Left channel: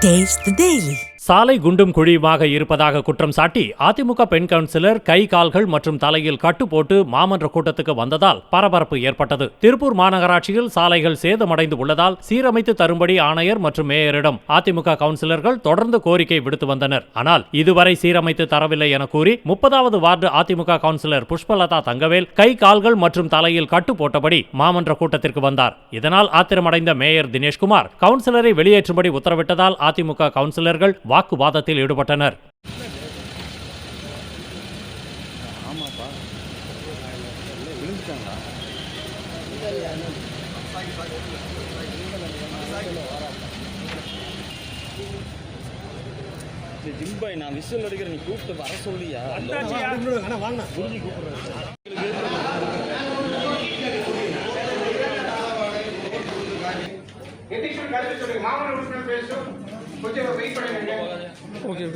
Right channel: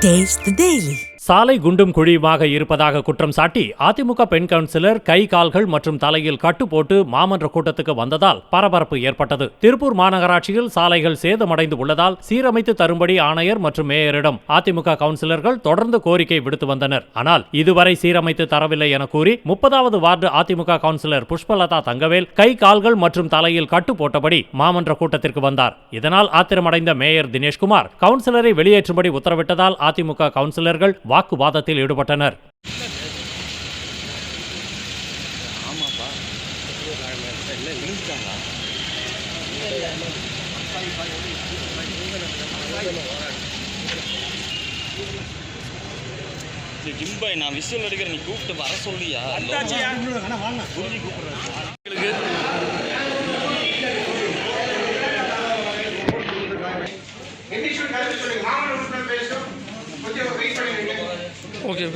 Taste the Daily. சாலை குண்டும் குழியுமாக இருப்பதாக குற்றம் சாட்டி அதிமுக பெண் கவுன்சிலர் கை கால்கள் மற்றும் தலையில் கட்டு போட்டு மாமன்ற கூட்டத்துக்கு வந்ததால் பரபரப்பு ஏற்பட்டது. திருப்பூர் மாநகராட்சியில் சாலைகள் சேதமடைந்து உள்ளதால் சீரமைத்து தரும்படி ஆணையர் மற்றும் மேயரிடம் அதிமுக கவுன்சிலர்கள் தொடர்ந்து கோரிக்கை விடுத்து வந்தனர். ஆனால் இதுவரை சீரமைத்து தரவில்லை என கூறி 30வது வார்டு அதிமுக கவுன்சிலர் புஷ்பலதா தங்கவேல் கை கால்கள் மற்றும் தலையில் கட்டு போட்டபடி மாமன்ற கூட்டத்திற்கு வந்தார். இதனால் ஆத்திரமடைந்த மேயர் தினேஷ்குமார் கவுன்சிலரை வெளியேற்றும்படி உத்தரவிட்டதால் அதிமுக கவுன்சிலர்கள் வாக்குவாதத்தில் ஈடுபட்டனர். நான் விசுவல் எடுக்கிறேன், நீ கூப்பிட்டு வர சொல்லியா? ஓகே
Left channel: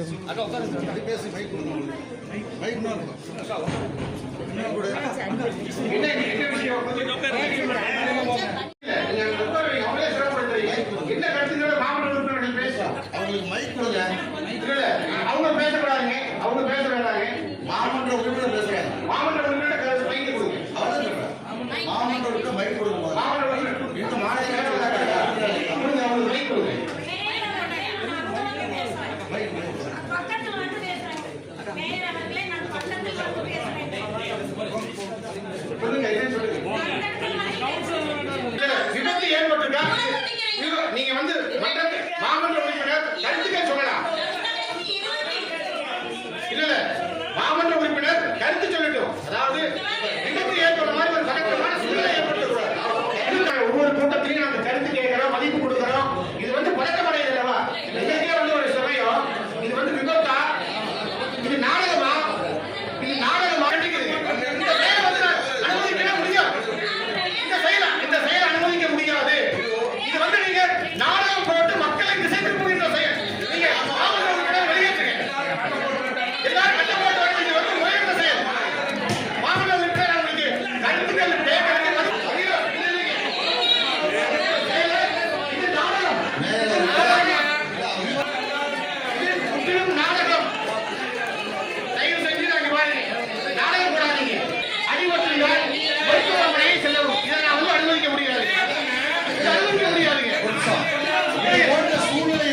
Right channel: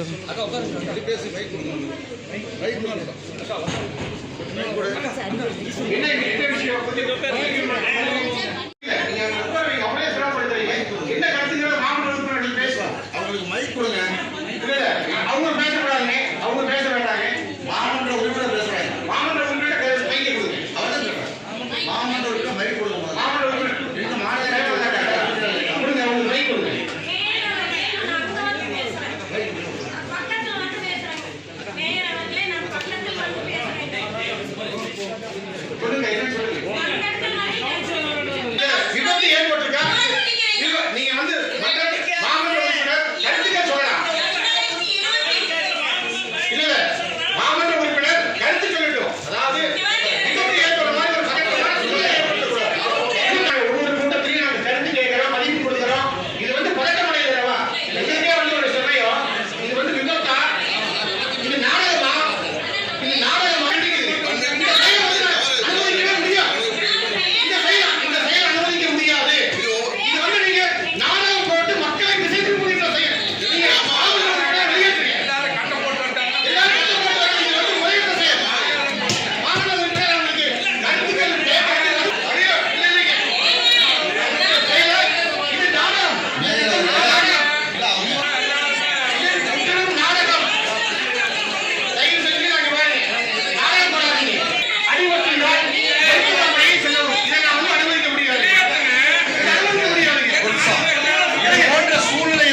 சூழ்நிலை